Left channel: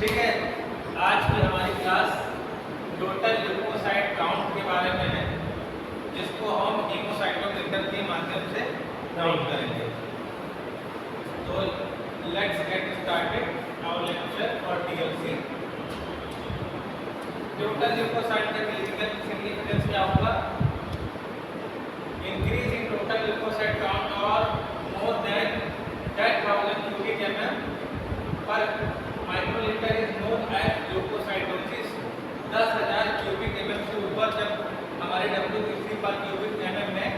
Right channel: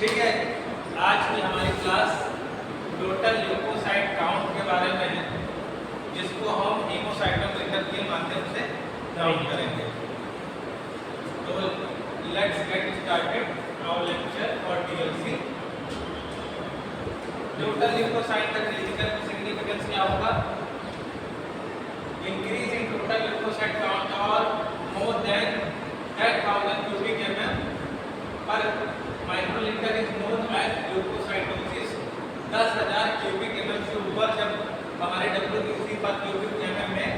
ठीक है, आज की हमारी क्लास टोटल ल्यूकोसाइट काउंट के बारे में है, जिसको हम हेमोसाइटोमीटर के माध्यम से काउंट करेंगे। तो let's get started our lecture for TLC. Total leucocyte का क्लिनिकल सिग्निफिकेंस क्या होगा? Increase in total leucocyte count और मोर देन 10,000 cubic mm पर microlitre is known as leucocytosis. 10,000 cubic mm से ऊपर जब हमारे WBC पर क्यूबिक एमएम में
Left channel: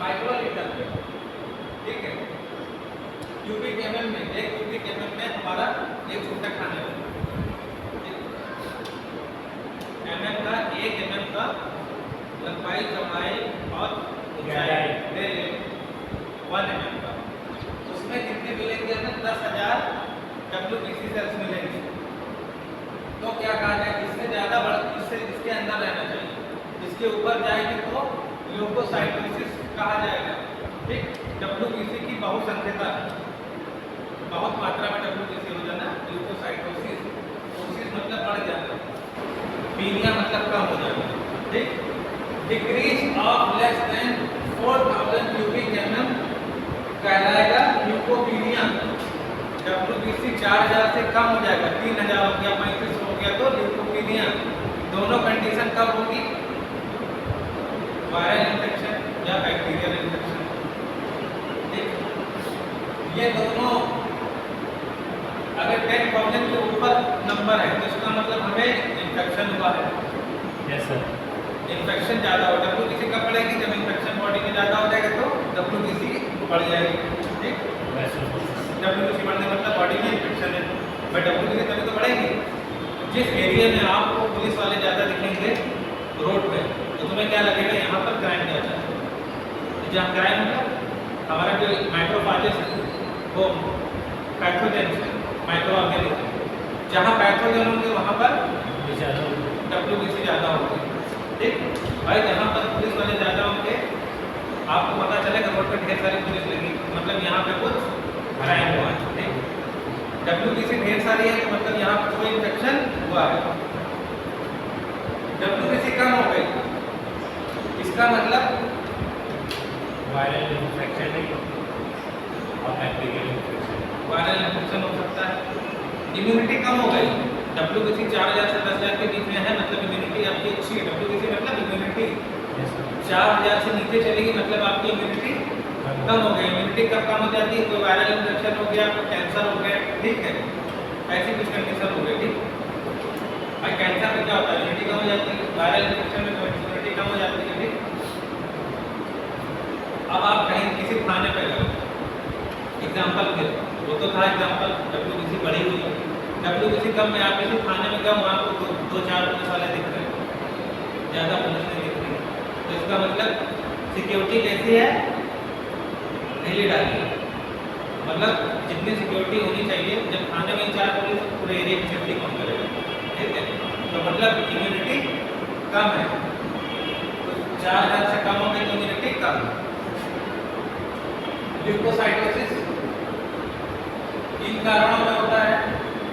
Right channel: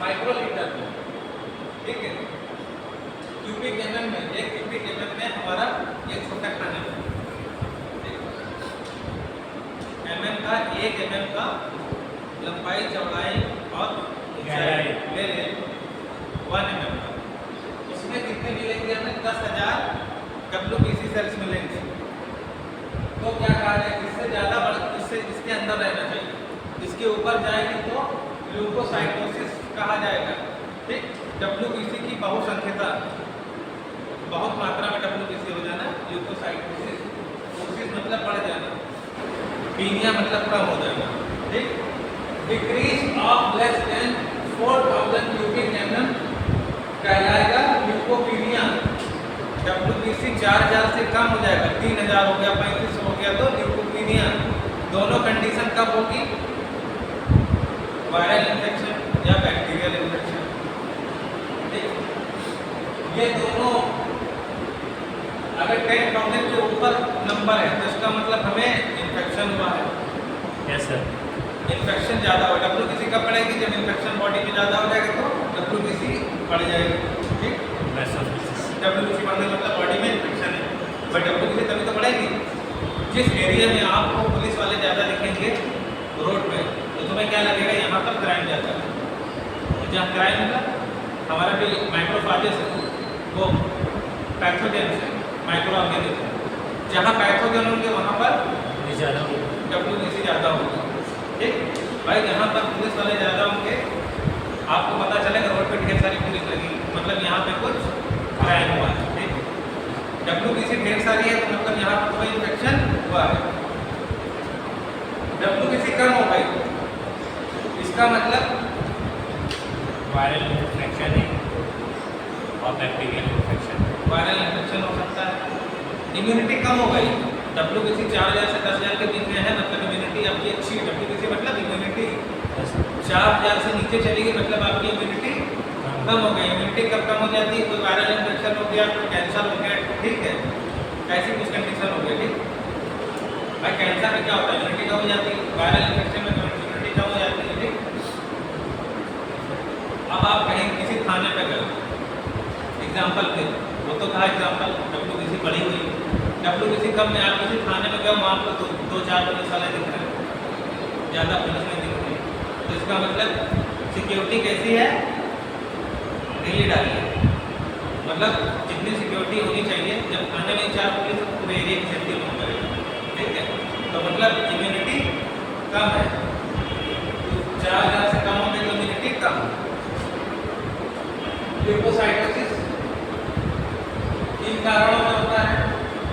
माइक्रोलीटर में, ठीक है, क्यूबिक एमएम में, एक क्यूबिक एमएम में हमारा एक छोटा खाने में एमएम का, एक एमएम का लंबाई, चौड़ाई और ऊंचाई ले ले 1 एमएम का, उसमें कितने मिलेंगे? हमें 10,000 WBC सेल्स मिलेंगे। तो क्या कहा जाए, इससे ज़्यादा इससे इसके अंदर रहना चाहिए, इसके ऊपर जाएगी तो ल्यूकोसाइटोसिस कहा जाएगा। ठीक, WBC की बहुसंख्यता, बहुत मात्रा में WBC हो जाना, ल्यूकोसाइटोसिस, कोसिस मतलब बढ़ जाना, पीनिया मतलब कम हो जाना। ठीक, decrease of less than 4,000 cubic MM कहलाएगा ल्यूकोपीनिया। WBC 4,000 से कम हो जाएगा, 3,000 हो गया, 35 हो गया, तो ल्यूकोपीनिया। दोनों कंडीशन कब होगी? वायरल इन्फेक्शन या बैक्टीरियल इन्फेक्शन। ये दोनों अगर 10,000 के ऊपर नंबर है तो इसका मतलब हमें इन्फेक्शन हुआ है। Yes sir. इन्फेक्शन ज़्यादा हो, WBC कब बढ़ेगी? जब इन्फेक्शन बॉडी में ज़्यादा हो जाएगा तो WBC बढ़ जाएगी। ठीक, WBC बढ़ने मतलब बॉडी में इन्फेक्शन है, बट WBC तभी तो बढ़ेगी। जिस एरिया में आपको पुलिस वाले ज़्यादा दिखेंगे रोड पे, तो तुम्हें क्या लगेगा? यहाँ पर क्राइम ज़्यादा है। तो जहाँ क्राइम मतलब हमारा जो माइक्रोफाजेस है वो पैथोजेन है, माइक्रो ऑर्गेनिज्म, जहाँ पैथोजेन होंगे वहाँ पर WBC ज़्यादा होगी। ठीक भाई, जहाँ पर पुलिस वाले ज़्यादा होंगे आपको पता चलेगा रोड पे ढेर सारी पुलिस लगी, मतलब यहाँ पे कुछ क्राइम हुआ है। ठीक, WBC ढेर सारी है तो मतलब यहाँ पर कोई इन्फेक्शन हुआ है। WBC कम हो गई, इसका मतलब वायरल इन्फेक्शन और बैक्टीरियल इन्फेक्शन। वायरल इन्फेक्शन हो सकता है। इम्यूनिटी कम हो गई, WBC 4,000 से 10,000 के बीच में है, मतलब इम्यूनिटी आपकी अच्छी है। WBC मतलब इम्यूनिटी 4,000 से नीचे चलेगी मतलब आपकी इम्यूनिटी कम हो गई। इम्यूनिटी कब कम हो जाती है? कोई वायरल इन्फेक्शन हो गया, कोई कैंसर हो गया, ठीक है, ऐसी कुछ कंडीशन हो गई। ठीक भाई, कैंसर में क्या होता है? इम्यूनिटी कम हो जाती है, वायरल इन्फेक्शन में इम्यूनिटी कम हो जाती है। ठीक, अब आप कहीं किसी थाने पे गए, एग्जाम्पल फिर वो तो था एग्जाम्पल, WBC बढ़ी हुई है। WBC कम में आप किसी थाने में गए, वहाँ आपको 2-4 पुलिस वाले दिख रहे हैं, ज़्यादा पुलिस नहीं दिख रही, तो इसका मतलब सिक्योरिटी कैसी है? ढीली डाली है। मतलब जितनी सिक्योरिटी होनी चाहिए, जब थाने में 4 पुलिस तो पूरे एरिया की सेफ्टी कम करेगा। ठीक है, तो मतलब इम्यूनिटी कम है, तो 4,000 से कम हो गई तो इम्यूनिटी कम। ल्यूकोसाइटोसिस इन कारणों में होता है।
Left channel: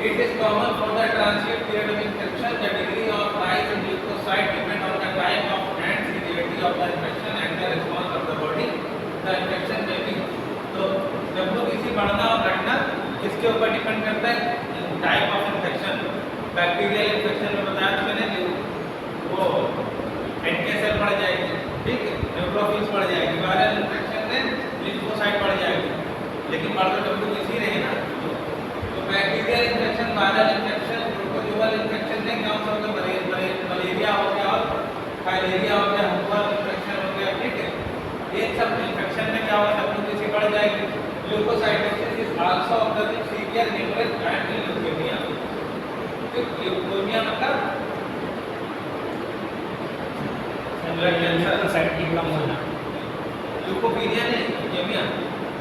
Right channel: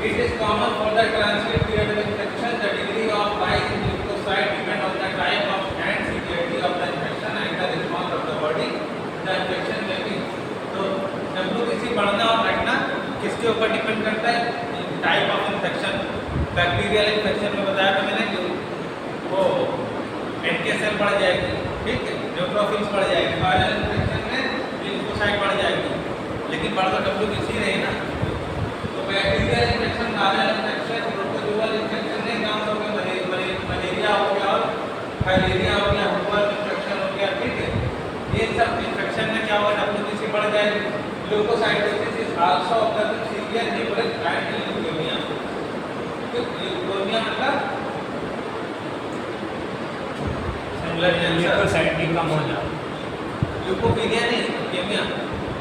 It is common for the transient period of infection. The degree of rise in leukocyte depend on the type of and severity of the infection and the response of the body. The infection may be, तो WBC बढ़ना और घटना किसके ऊपर depend करता है? Type of infection. Bacterial infection में बताया था मैंने, वो NK सेल बढ़ जाएगी, ठीक है, न्यूट्रोफिल्स बढ़ जाएगी। वायरल इन्फेक्शन में लिम्फोसाइट बढ़ जाएगी, लेकिन बढ़ तो WBC नहीं ना। Bacterial infection, viral infection, protozoal infection में क्या होगा? मलेरिया हो गया और फाइलेरिया हो गया, हुबर इन्फेक्शन हो गया। ठीक है, ये सब इन्फेक्शन में क्या होगा? WBC बढ़ जाएगी। Leucocytosis is also observed in severe haemorrhage and leukaemia. तो ल्यूकेमिया मतलब ब्लड कैंसर, साइड कम होना, ल्यूकोपीनिया नहीं, ल्यूकेमिया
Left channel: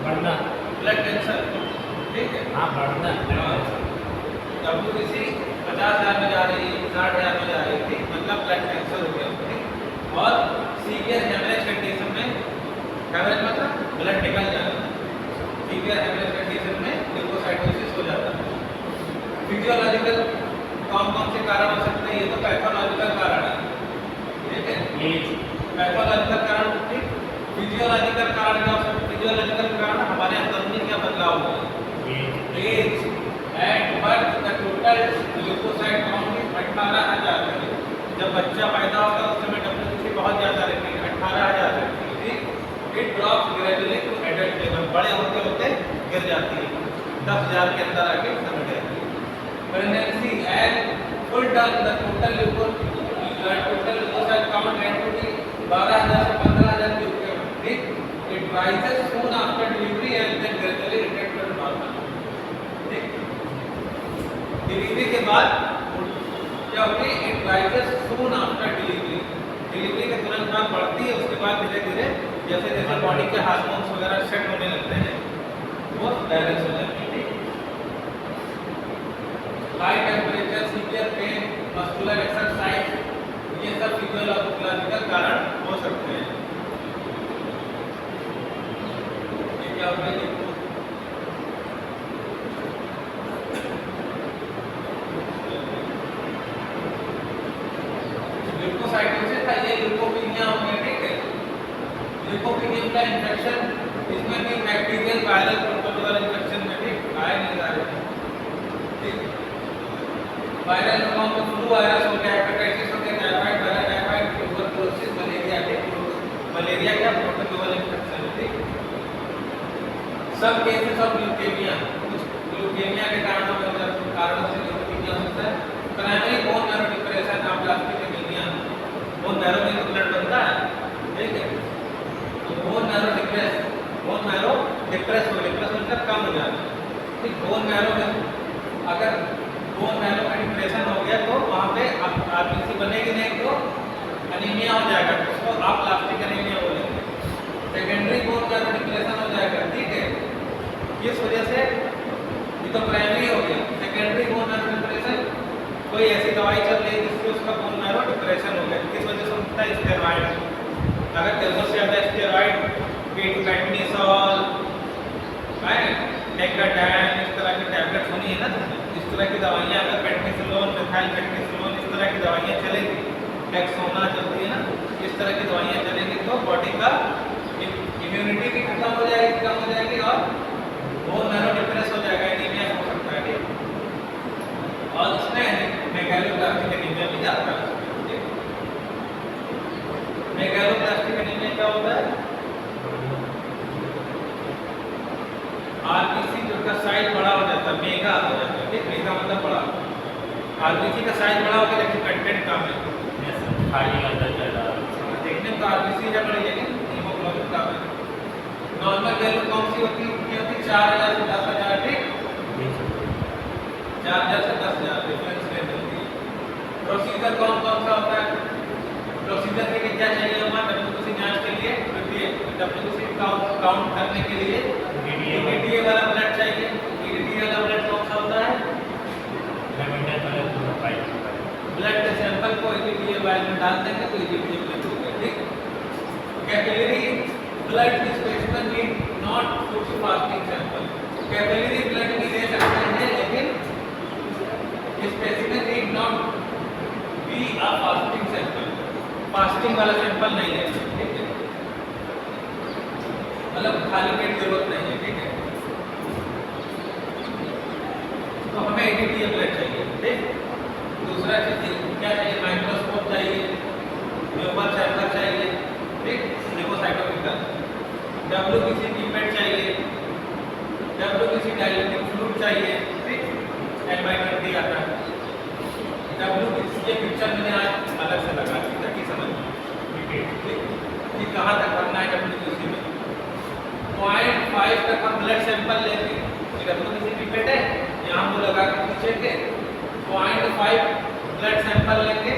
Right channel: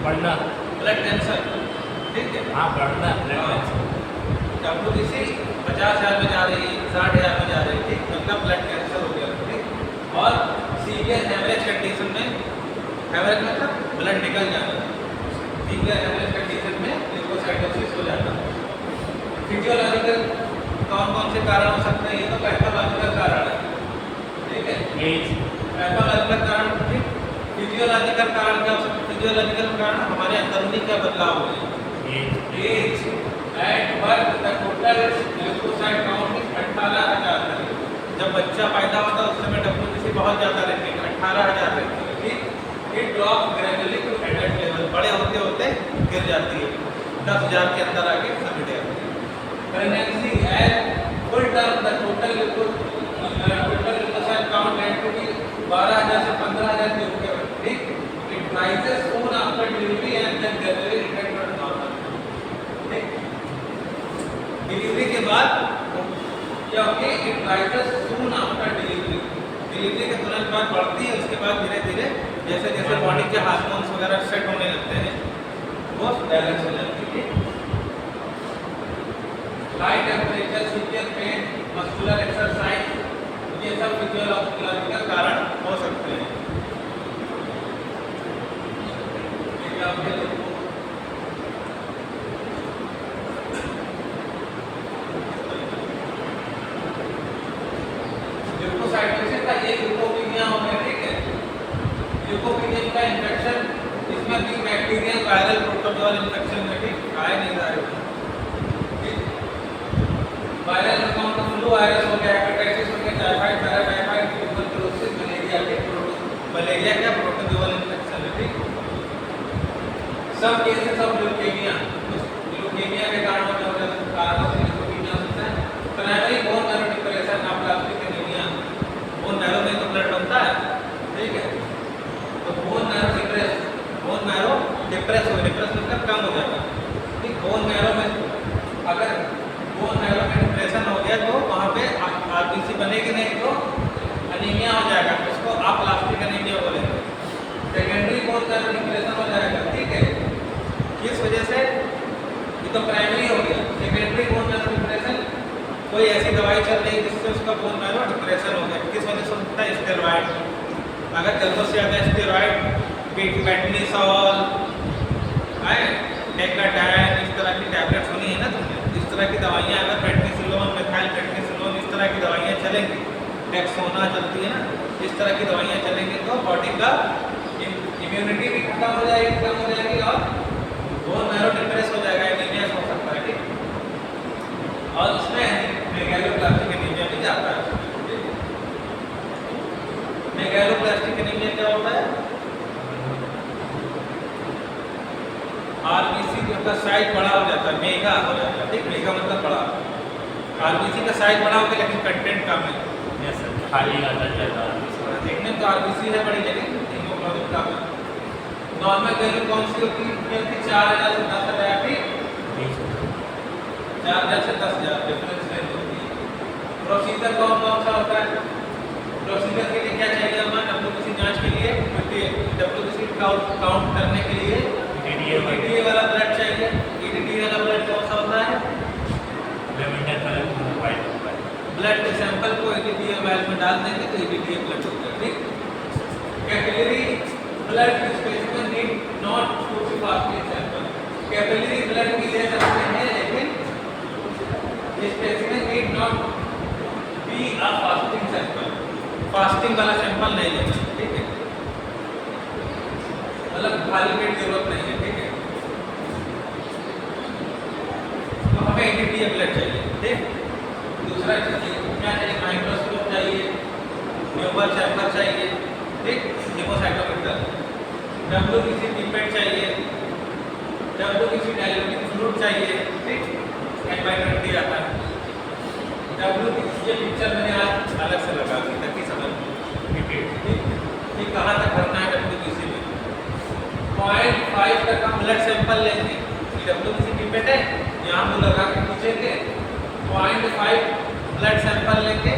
बढ़ना, ब्लड कैंसर। ठीक है, हाँ बढ़ना। WBC 50,000 में जा रही है, 60,000 में जा रही है, ठीक, मतलब ब्लड कैंसर हो गया। ठीक, और सीवियर हेमरेज कंडीशन में, हेमरेज मतलब ब्लड निकल जाना, सीवियर हेमरेज कंडीशन में ल्यूकोसाइटोसिस हो जाता है। फिजियोलॉजिकल कौन कौन से कारण हो सकते हैं? ये तो पैथोलॉजिकल कारण है, ठीक है। एज, पैथोलॉजिकल कारण, ठीक। फिजियोलॉजिकल कारण क्या हो सकते हैं? फिजियोलॉजिकल कारण हमारे अंदरूनी क्या बदलाव हुए हैं? As at birth the total leucocyte count is 18,000 है। जब बच्चा पैदा होता है उस समय WBC बहुत ज़्यादा रहती है, 18,000 रहती है, ठीक। It drops gradually to adult level, बड़े होते होते गिर जाती है, 10,000 के अंदर आके समिट जाती है। Pregnancy at full term the total leucocyte count at to be 12,000 से 15,000 के ऊपर, ठीक। It rises soon after delivery and then gradually return to normal, ठीक। डिलीवरी के बाद क्या होती है? It rises soon after delivery, delivery के तुरंत बाद बढ़ती है, उसके बाद धीरे धीरे जैसे जैसे बॉडी के हार्मोन्स वगैरह सेट होने लगते हैं वो बैलेंस हो जाती है, ठीक। High temperature, severe pain, muscular exercise, ये सब फिजियोलॉजिकल कारण हो सकते हैं। ये क्या होते हैं? ल्यूकोसाइटोसिस का ये ल्यूकोपीनिया हो गया, ठीक है। ल्यूकोपीनिया का इन्फेक्शन, इसमें भी बैक्टीरियल वायरल प्रोटोजोअल इन्फेक्शन में भी आए नहीं जा रहे, ठीक। वायरल फॉर्म में फ्लू वायरस हो गया, हेपेटाइटिस हो गया, टाइफाइड, पैराटाइफाइड, ट्यूबरकुलोसिस, मलेरिया के मलेरिया क्या प्रोटोजोअल इन्फेक्शन है, ठीक। सब केसेस ऑफ ल्यूकेमिया, ल्यूकेमिया के कारणों से ल्यूकोपीनिया हो सकता है। Primary bone marrow depression, aplastic anaemia, bone marrow में तो ब्लड बनता है, ठीक है। तो बोन मैरो डिप्रेस मतलब कम हो जाता है, ठीक। बोन मैरो में अगर बोन मैरो में डिप्रेशन हो गया तो वहाँ पे आरबीसी बनेगी नहीं तो एनीमिया हो जाएगा, उसको आप प्लास्टिक एनीमिया बोलेंगे। सेकेंडरी बोन मैरो डिप्रेशन हो जाएगा, ठीक है। किस वजह से? ये तो प्राइमरी हो गया। सेकेंडरी बोन मैरो डिप्रेशन, कोई ऐसी दवाई चल रही है जिससे उसका बोन मैरो डिप्रेशन हो गया, किस वजह से होता है? स्टेरॉइड, अगर जरूरत से ज़्यादा स्टेरॉइड, बेटनीसॉल, डेक्साडाइन, इस तरह की टैबलेट्स होनी है ना, तो इस तरह की दवाइयाँ अगर पेटनीसिलोन, मिथाइल पेटनीसिलोन, इस तरह की दवाइयाँ चलेंगी, डेक्सोना चलती है ना, इस तरह की दवाइयाँ चलेंगी तो बॉडी का इम्यूनिटी भी खत्म हो जाएगी, कम हो जाएगी और बोन मैरो डिप्रेस हो जाएगा, एनीमिया हो सकता है, ठीक। और इसमें मेगालोब्लास्टिक एनीमिया भी जाता है, ठीक। मेगालोब्लास्टिक एनीमिया क्या होता है? आरबीसी का साइज बड़ा हो जाता है, मेगा हो जाता है, ठीक। मेगा मतलब बड़ा, आरबीसी का साइज बड़ा होता है लेकिन कंटेंट कम है, खाली अंदर जाता है। देखने में तो आरबीसी है बड़ी लेकिन हीमोग्लोबिन कम है। नॉर्मल वैल्यू कौन सी होती है? 4,000 से 10,000, ठीक। 4,000 से 10,000 डिफरेंस रेंज होती है। प्रोसीजर कौन कौन सा होता है? प्रोसीजर के लिए क्या चाहिए हमारा WBC जांच के लिए? WBC काउंट करने के लिए EDTA वाला ब्लड चाहिए। EDTA वाला ब्लड कौन सा होता है? ब्लड के सैंपल को EDTA वाल में डाल देंगे तो EDTA ब्लड होगा, ठीक। Capillary blood specimen need not to be fasting sample, capillary blood भी ले सकते हैं लेकिन specimen need not be a fasting sample, fasting वाला सैंपल नहीं लेना, ठीक है। मतलब खाली पेट जरूरत नहीं है, ठीक है। तो हमें EDTA ब्लड चाहिए, ठीक। दूसरा क्या चाहिए? माइक्रोस्कोप चाहिए, न्यूमर चैम्बर चाहिए, ठीक। हीमोसाइटोमीटर, WBC पिपेट चाहिए, WBC डायल्यूटिंग फ्लूइड चाहिए, ठीक। N/20 आता है। WBC ये पिक्चर मैंने आज अलग से लगा दी ताकि समझ ठीक कि कहाँ तक भरना है WBC में। 0.5 तक हम ब्लड सैंपल लेंगे, WBC पिपेट है, यहाँ हम लगा के खींचेंगे, 0.5 ब्लड सैंपल लेंगे,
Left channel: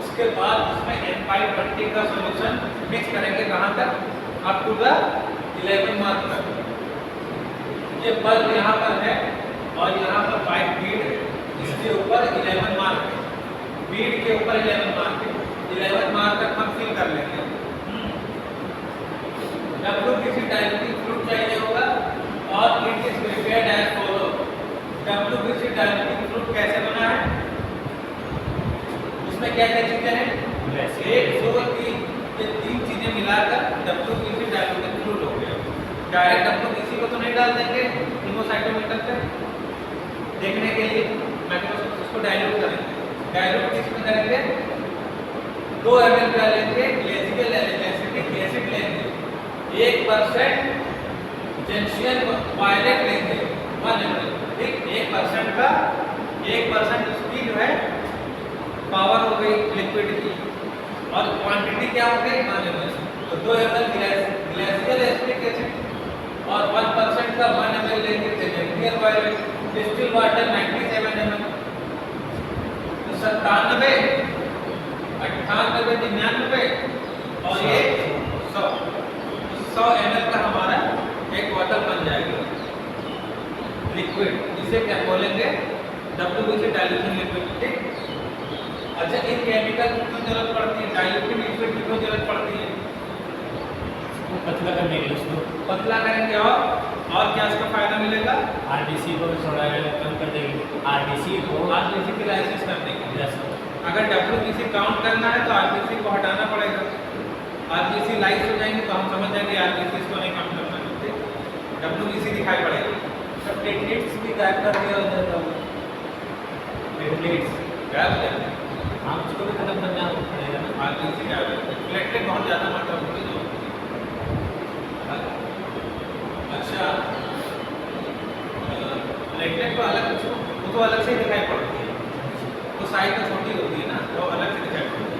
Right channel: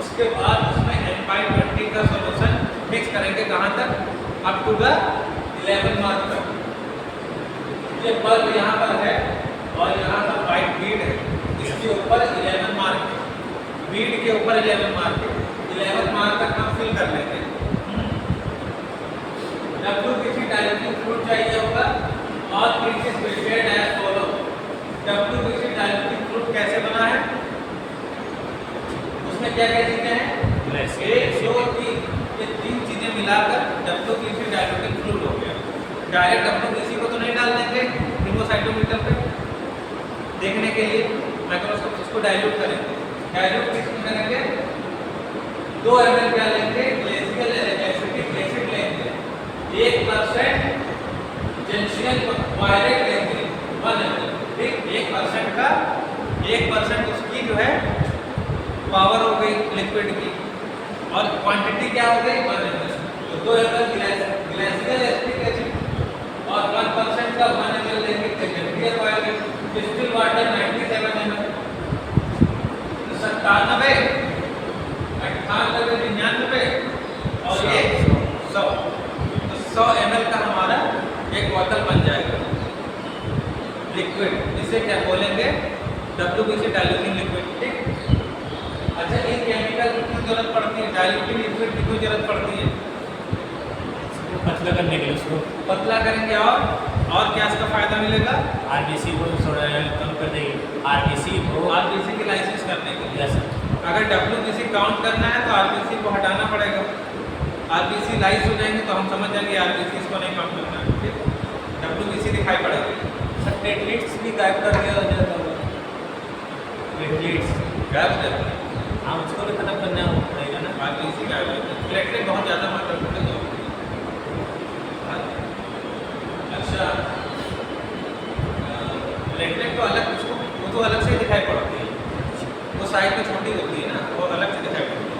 उसके बाद उसमें N/20 का सॉल्यूशन मिक्स करेंगे, कहाँ तक? अप टू द 11 मार्क तक। ये बल्ब यहाँ पर है और यहाँ पर वाइट बीड है, इसके ऊपर 11 मार्क है, बीड के ऊपर 11 मार्क है, 11 मार्क तक हम फिल कर लेंगे। WBC डायल्यूटिंग फ्लूइड चाहिए होगा और it is prepared as follow. WBC diluting fluid कैसे क्या क्या चीजें हैं? ग्लाइसिक 1 2 3, ये 3 चीजें मिलाकर WBC डाइल्यूटेड फ्लूइड हो गया। डायरेक्ट WBC को तो नहीं डाल देंगे लिम्फोसाइटोमीटर पे देखने के लिए, माइक्रोस्कोप इसको डाइल्यूट करेंगे। डाइल्यूट किसमें करेंगे? 2 ml क्या लेंगे? ग्लेसियल एसिटिक एसिड लेंगे, 1% जेंशियन वायलेट लेंगे 1 ml, ठीक। 1% का 1% उसकी जो है पावर हो गई लिक्विड की, और क्वांटिटी क्या हो गई? 1 ml। तो 2 ml ग्लेसियल एसिटिक एसिड और 1% का 1 ml लेंगे जेंशियन वायलेट। Distil water 97 ml। तो 97, 98, 99 और ये 100, तो 100 ml का हमारा एक बॉटल बन जाएगा लिक्विड। इसे क्या बोलेंगे? WBC डाइल्यूशन लिक्विड, ठीक। अच्छा, इन केमिकल की क्यों जरूरत पड़ती है? डाइल्यूटेड लिक्विड की क्यों जरूरत पड़ती है? पतला करने के लिए उसको पतला करेंगे और क्या इसका फायदा मिलेगा? आरबीसी को थोड़ा कम कर देगी, आरबीसी की लाइसिस करने के लिए। यस अगर WBC काउंट करना है तो RBC को हटाना पड़ेगा। RBC लाइस हो जाएंगे तो हम समझ जाएंगे RBC इसको नहीं काउंट करना है, ठीक। WBC दिखाई पड़ेगी। प्लेटलेट्स भी गायब कर दिया जाता है, प्लेटलेट्स गायब कर दें। हाँ उसको भी खत्म करना पड़ेगा ना। RBC गायब हो जाए, प्लेटलेट बहुत ज़्यादा मात्रा में होगा। अच्छा, प्लेटलेट तो अलग, उसको वो तो अलग से ही दिखाई पड़ती है, वो साइड में छोटी होती है ना, वो अलग से दिखाई पड़ती है।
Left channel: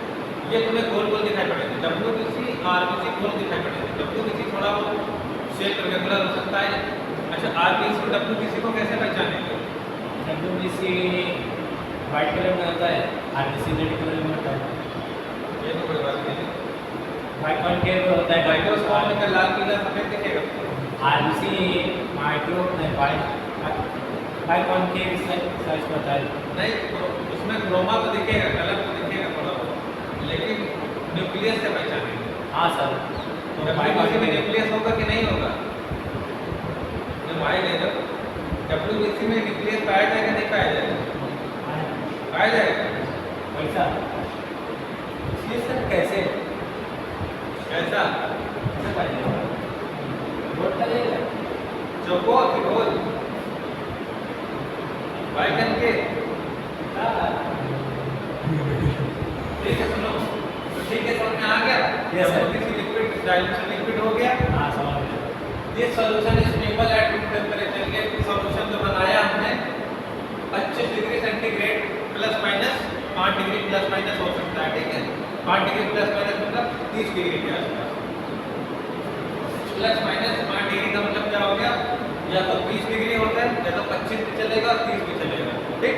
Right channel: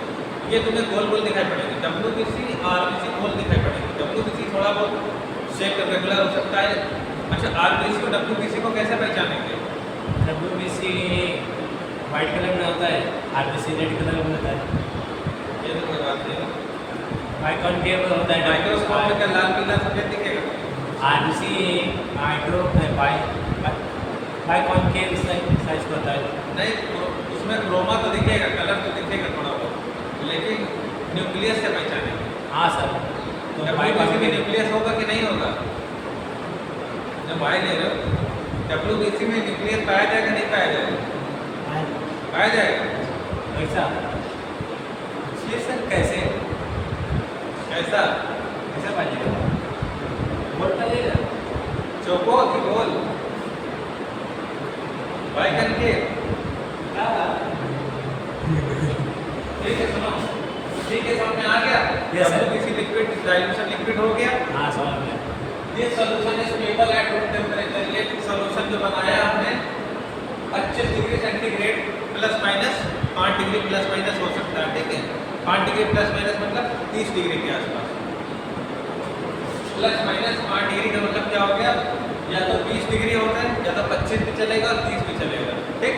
ये तुम्हें गोल गोल दिखाई पड़ेगी। WBC RBC गोल दिखाई पड़ेगी। WBC थोड़ा बहुत शेप रेगुलर हो सकता है। अच्छा, RBC और WBC को कैसे पहचानेंगे? WBC वाइट कलर में होता है, आरबीसी रेड कलर में होता है। ये तो कोई बात नहीं, बाइकॉन्केव होता है माइक्रोस्कोप में क्या लाल पीला सफेद दिखेगा? आरबीसी माइक्रो बाइकॉन्केव साइज का होता है। नहीं, उसमें क्रोमा तो दिखेगा, कलर तो दिखेगा थोड़ा बहुत, लेकिन न्यूक्लियस से पहचानेंगे। हाँ सर, तो WBC में न्यूक्लियस होगा कि नहीं होगा? जब वाई ले लो, WBC में न्यूक्लियस पाया जाएगा नहीं पाया जाएगा? पाया जाएगा। ऐसा ये सर कैसे ऐसा कैसे पाइएगा? वोट करेगा चौको कि गोल? वाइकन के, ठीक है। सुनो, ठीक है, समझ में आ गया? Yes, sir. WBC liquid dilution liquid हो गया। हाँ समझ गया। This solution is stable at room temperature. ये सॉल्यूशन जो बनाया हमने 25 degree centigrade plus minus 5 degree plus minus हो सकता है, ठीक है। 5 डिग्री प्लस माइनस मतलब 30 डिग्री के आसपास। प्लस माइनस 5 डिग्री का मतलब क्या हो गया? या तो 20 डिग्री होता है, या तो 25 भी चलेगा और 30 भी चलेगा, ठीक।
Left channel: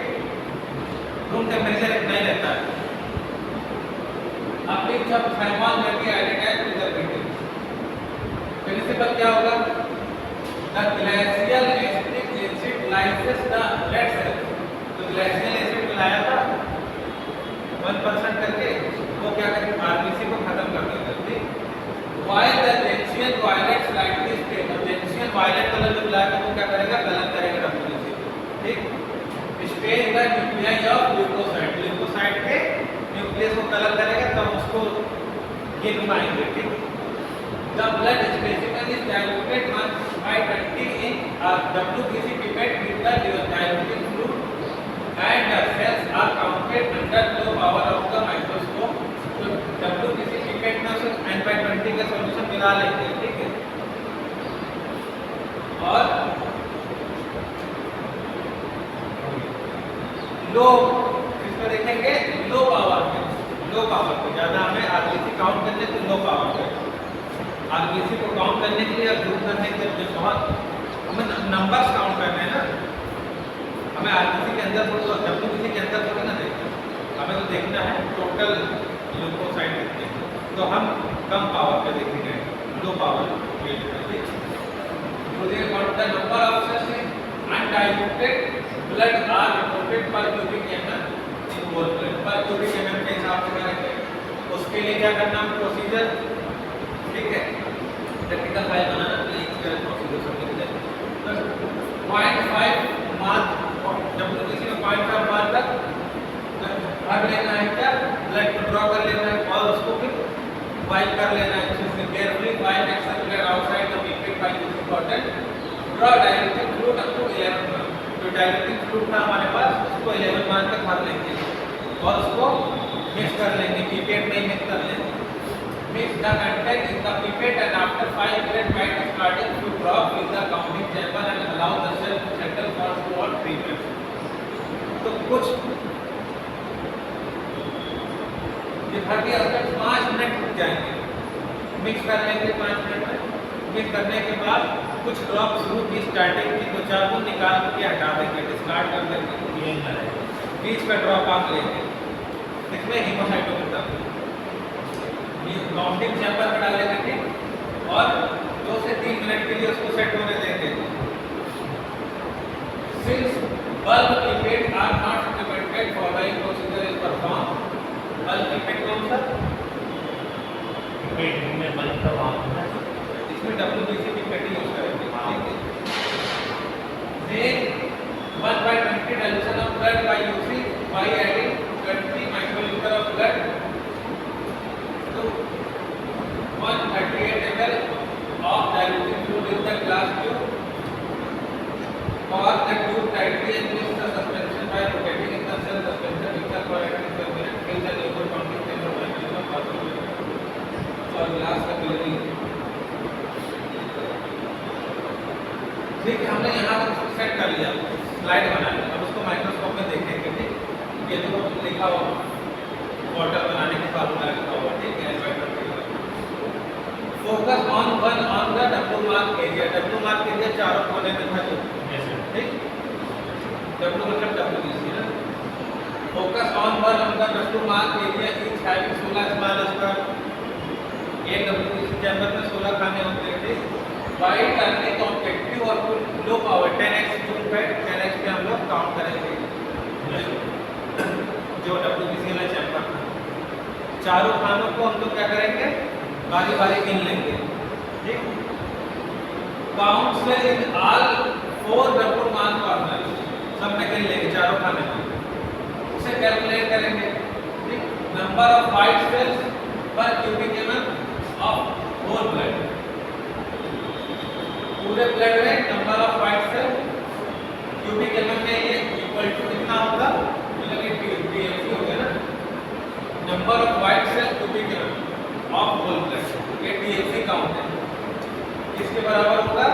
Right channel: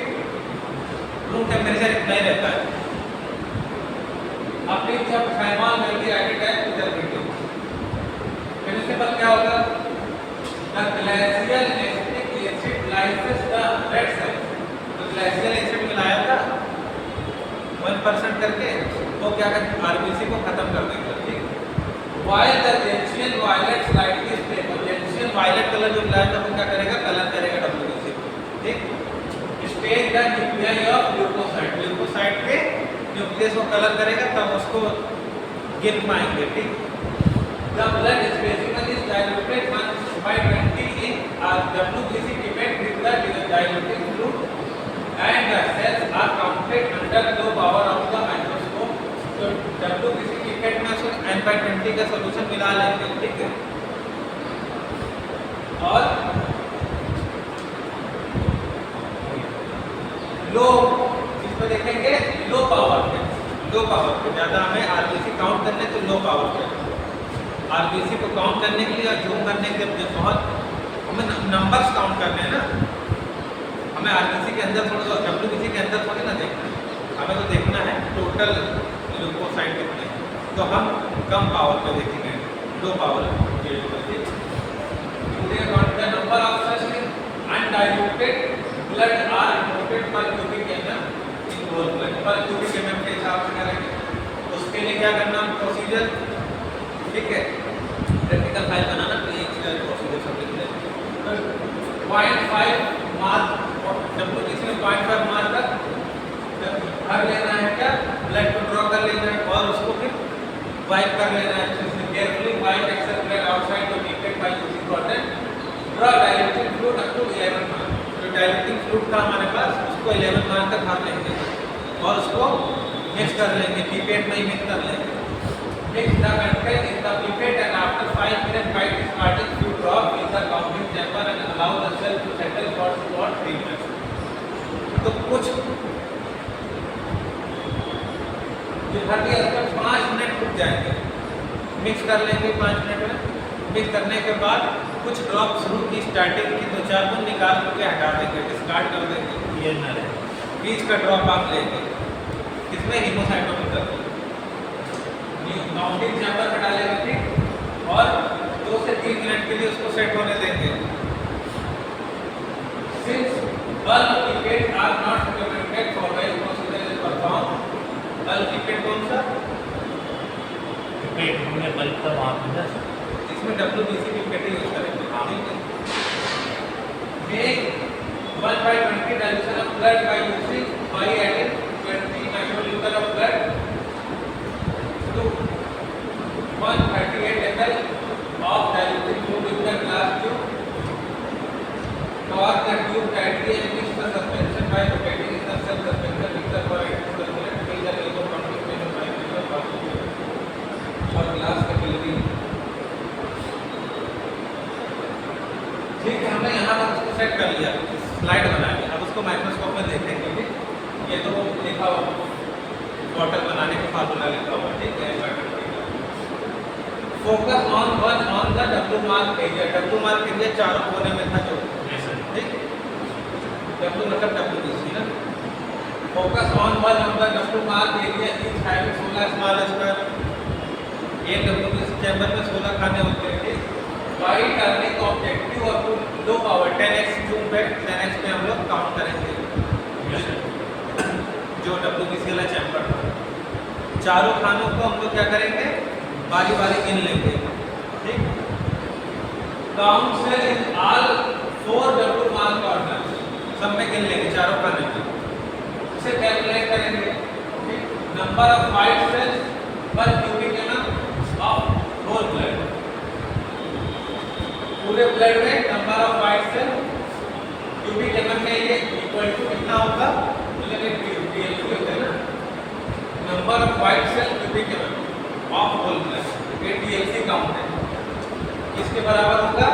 रूम टेम्परेचर इतना ही रहता है। अपनी इच्छा थर्मल में भी एडेड है प्रिजर्वेटिव। प्रिंसिपल क्या होगा? The glacial acetic acid lysis the red cells. तो ग्लेशियल एसिड मिलाया था 1% करके, वो क्या करेगा? RBC को खत्म कर देगा, ठीक। While the gentian violet slightly stable, gentian violet colour जो मिलाया था वो क्या करेगा? कलर करेगा WBC को, ठीक। Stage the nuclei of leukocyte, leukocyte पे न्यूक्लियस को कलर करेगा तब उसको गिन पाएंगे, ठीक। The blood specimen is diluted 1/20 in WBC pipette with the diluting fluid and the cells are counted under low power of the microscope. तो WBC pipette में से N/20 का सॉल्यूशन मिला लेंगे, ठीक है। और लो इसमें देखेंगे लो पावर पे ज़्यादा हमें RBC काउंट करने तो लो पावर पे, RBC को काउंट करने के लिए और जूम करने के लिए बहुत हमें नंबर्स काउंट करने हैं ना, हमें RBC के अंदर थोड़ा WBC के अंदर थोड़ा ना देखना है, हमें तो देखना है टोटल ल्यूकोसाइट कितने हैं। तो हम कम पावर पे देखेंगे, लो पावर के लिए। तो the count the number of cells in undiluted blood are reported per cubic mm in whole blood, per cubic mm के हिसाब से करेंगे। उसके लिए क्या करना है? प्रोसीजर, ठीक है। Practical file banana, please procedure सब लिख लें। 0.5 मार्क WBC में 0.5 मार्क तक भाग लेना है क्या? ब्लड को ड्रॉ कर लेना है और उसको फिर वाइप कर लेना है। इसमें carefully wipe excess blood outside the pipette by using cotton. Draw directing fluid up to 11 mark. जो डायरेक्टिंग फ्लूइड था हमारे पास उसको 11 मार्क तक भर लेंगे और उसको मिक्स कर लेंगे, पिपेट में मिक्स कर लेंगे। Mix the content in the pipette and after 5 minutes bite is starting to drop in the counting chamber and allow the cell to settle for 2 or 3 minutes. तो कुछ ये भर दिया उसके 5 मिनट रुक जाएंगे, मिक्स कर लेंगे 5 मिनट में। मिक्स करने के बाद कुछ ड्रॉप शुरू की स्टार्टिंग की 2-4 बूंद निकाल के हटा देंगे, डिस्कार्ड कर देंगे। ये न रहे बीच का ड्रॉप आप लेंगे, इसमें हीमोसाइटोमीटर काउंटिंग चैम्बर में डालेंगे, ठीक, और 2 से 3 मिनट के लिए उसको सेट होने देंगे। Since bulk pipette are not recommended following procedure is performed, bulk pipette कौन सा? पेट में बल्ब का वहाँ पर है। इसमें WBC pipette यूज करेंगे, ठीक है। Make 1/20 dilution of blood by adding 20 microliter of blood to 138 ml of diluted fluid in the glass tube. Cork the tube tightly and mix the suspension by rotating in the cell suspension mixer for at least 1 minute. Fill the label counting chamber by using a cork और glass capillary। ठीक है, हमने यहाँ तक उसको set कर लिया, slide बनाया। अब उसको माइक्रोस्कोप में देखेंगे, ठीक। ये तो लिखा हुआ बॉटल बनाने का फार्मूला लिखा हुआ, ठीक है। Focus on the W mark area. W mark area चारों कोने में था जो, ठीक। डब्ल्यू मतलब WBC ना। Focus on the W mark area is having 16 small square. एक WBC चैम्बर में 16 खाने होते हैं, ठीक। बाई टर्निंग ऑब्जेक्टिव और to low power 10x zoom पे 10x पे हम लोग काउंट करेंगे जो WBC वाला चैम्बर था। चारों खानों को हम लोग क्या करेंगे, बारी बारी गिन लेंगे, ठीक। Count cell in all 4 W mark corner, सब में गिन लेंगे चारों खाने में। उसे कैलकुलेट करेंगे, ठीक। Number of white cells per cubic mm of whole blood. पूरे ब्लड में number of white cell cubic mm में ये इक्वल टू कितना होगा, मतलब ये DLC होता है ना, number of white cell cubic mm of whole blood, ये DLC काउंट है। इसके बराबर होगा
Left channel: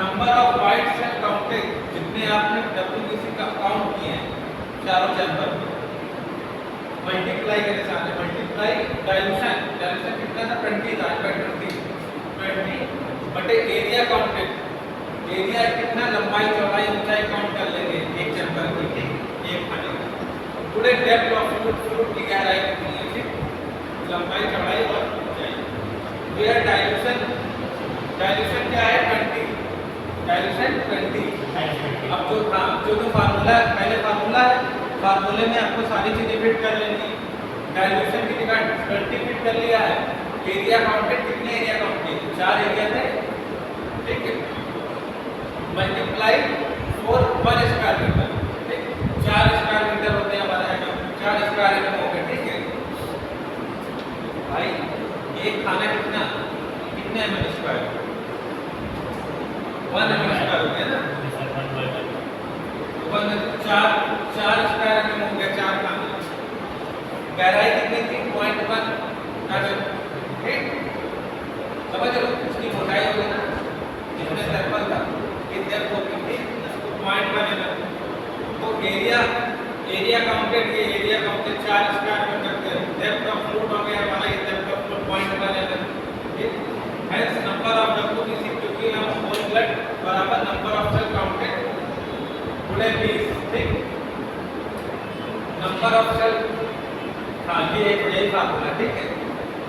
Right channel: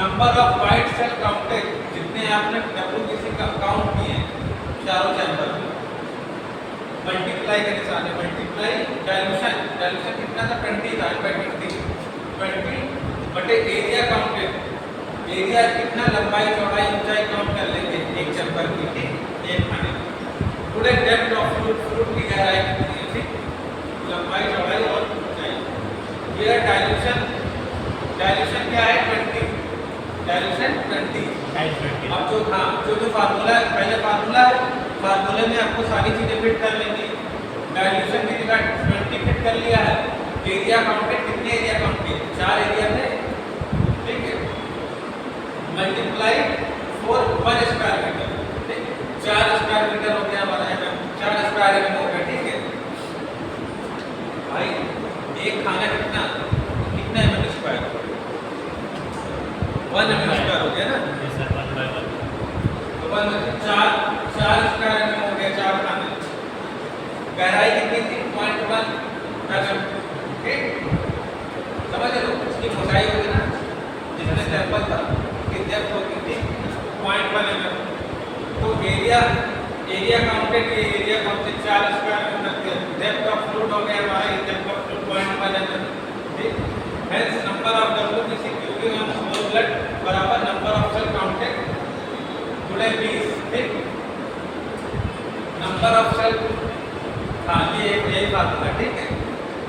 number of white cell counted, जितने आपने WBC का काउंट किए चारों चैम्बर में, मल्टीप्लाई के साथ मल्टीप्लाई डाइल्यूशन कितना था, 20 था, 20 बटे एरिया काउंटेड। एरिया कितना, लंबाई चौड़ाई ऊंचाई काउंट कर लेंगे एक चैम्बर की, ठीक, एक खाने की। पूरे डेप्थ ऑफ फ्लूइड की गहराई कितनी है, ठीक, लंबाई चौड़ाई और ऊंचाई। ये डाइल्यूशन क्या है, 20, डाइल्यूशन 20। अब जो हाँ जो फार्मूला है, पहले फार्मूला है, फार्मूले में आपको सारी चीजें फिट कर लेंगी। डाइल्यूशन की जगह 20 फिट कर लिया है। एरिया काउंटेड, कितने एरिया काउंट किए, 4 एरिया थे, ठीक है। मल्टीप्लाई 4 1 स्क्वायर मीटर, ठीक, 4 स्क्वायर मीटर हो गया हमारा एमएम, 4 स्क्वायर एमएम हो गया, ठीक है भाई। एक खाना कितना एमएम स्क्वायर, 1 एमएम स्क्वायर हो गया ना, 4 स्क्वायर एमएम हो गया, 4 खाने। गहराई कितनी थी, 0.1, ठीक, समझ लो। इसकी मोटाई होगी ना, जितना चैम्बर था, एक डेप्थ होगी थी 0.1 mm। तो एरिया काउंटेड, ये एरिया काउंटेड 4 स्क्वायर में करते हैं। डेप्थ ऑफ फ्लूइड हो गया हमारा, ये डेप्थ ऑफ फ्लूइड 0.1 mm, ठीक। हेंस नंबर ऑफ WBC क्योंकि हम होल ब्लड बराबर नंबर ऑफ सेल काउंटेड गुणे 20, ठीक। नंबर ऑफ सेल, हाँ ये यही फार्मूला, ठीक है।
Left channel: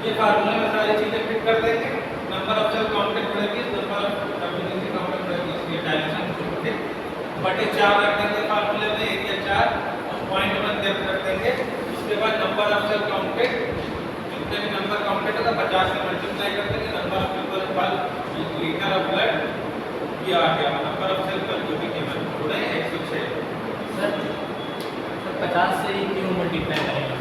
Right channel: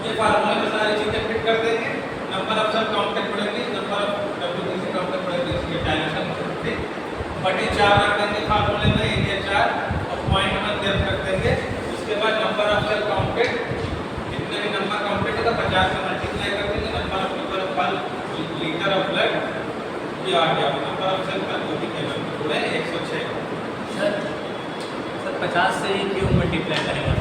ये फार्मूला में सारी चीजें फिट कर देंगे। नंबर ऑफ सेल काउंटेड बढ़ेगी, नंबर ऑफ WBC काउंटेड बढ़ेगी, ये डाइल्यूशन, ठीक। बटे 4 रख देंगे फार्मूले में, एरिया 4 और 0.1 डेप्थ रख देंगे। उसके बाद नंबर ऑफ सेल काउंटेड, जितने भी नंबर काउंटेड होगा 50 से मल्टीप्लाई कर देंगे। Number of litre of blood ये आ गया, नंबर ऑफ सेल पर क्यूबिक एमएम गुणे 106। सर 50 से ही क्यों मल्टीप्लाई करेंगे?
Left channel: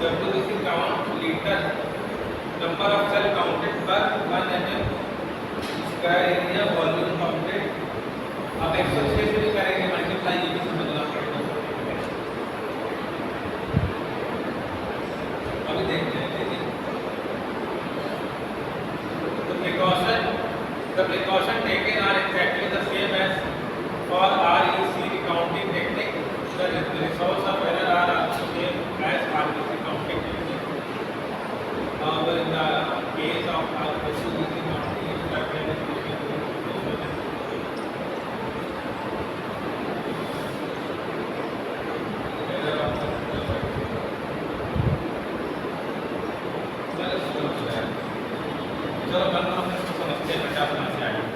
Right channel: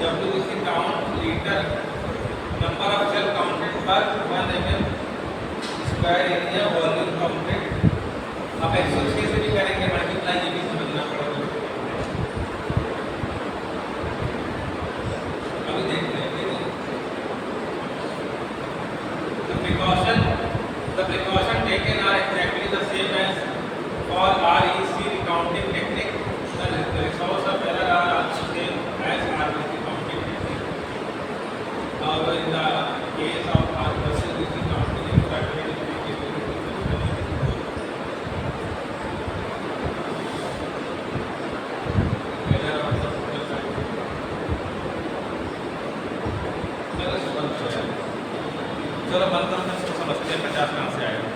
WBC count liter number of cell counted per 1 mm square area volume counted. आप 106 से भी करेंगे मल्टीप्लाई, ये भी समझना पड़ेगा। अभी देखते हैं the precaution taken are exactly the same as for REC recounting technique. The results of error are also same as RBC counting technique. However, in the case of RBC counting, instructed is error of the चलो बंद करो, मैं इसको समझते हैं 50 कहाँ से आएगा।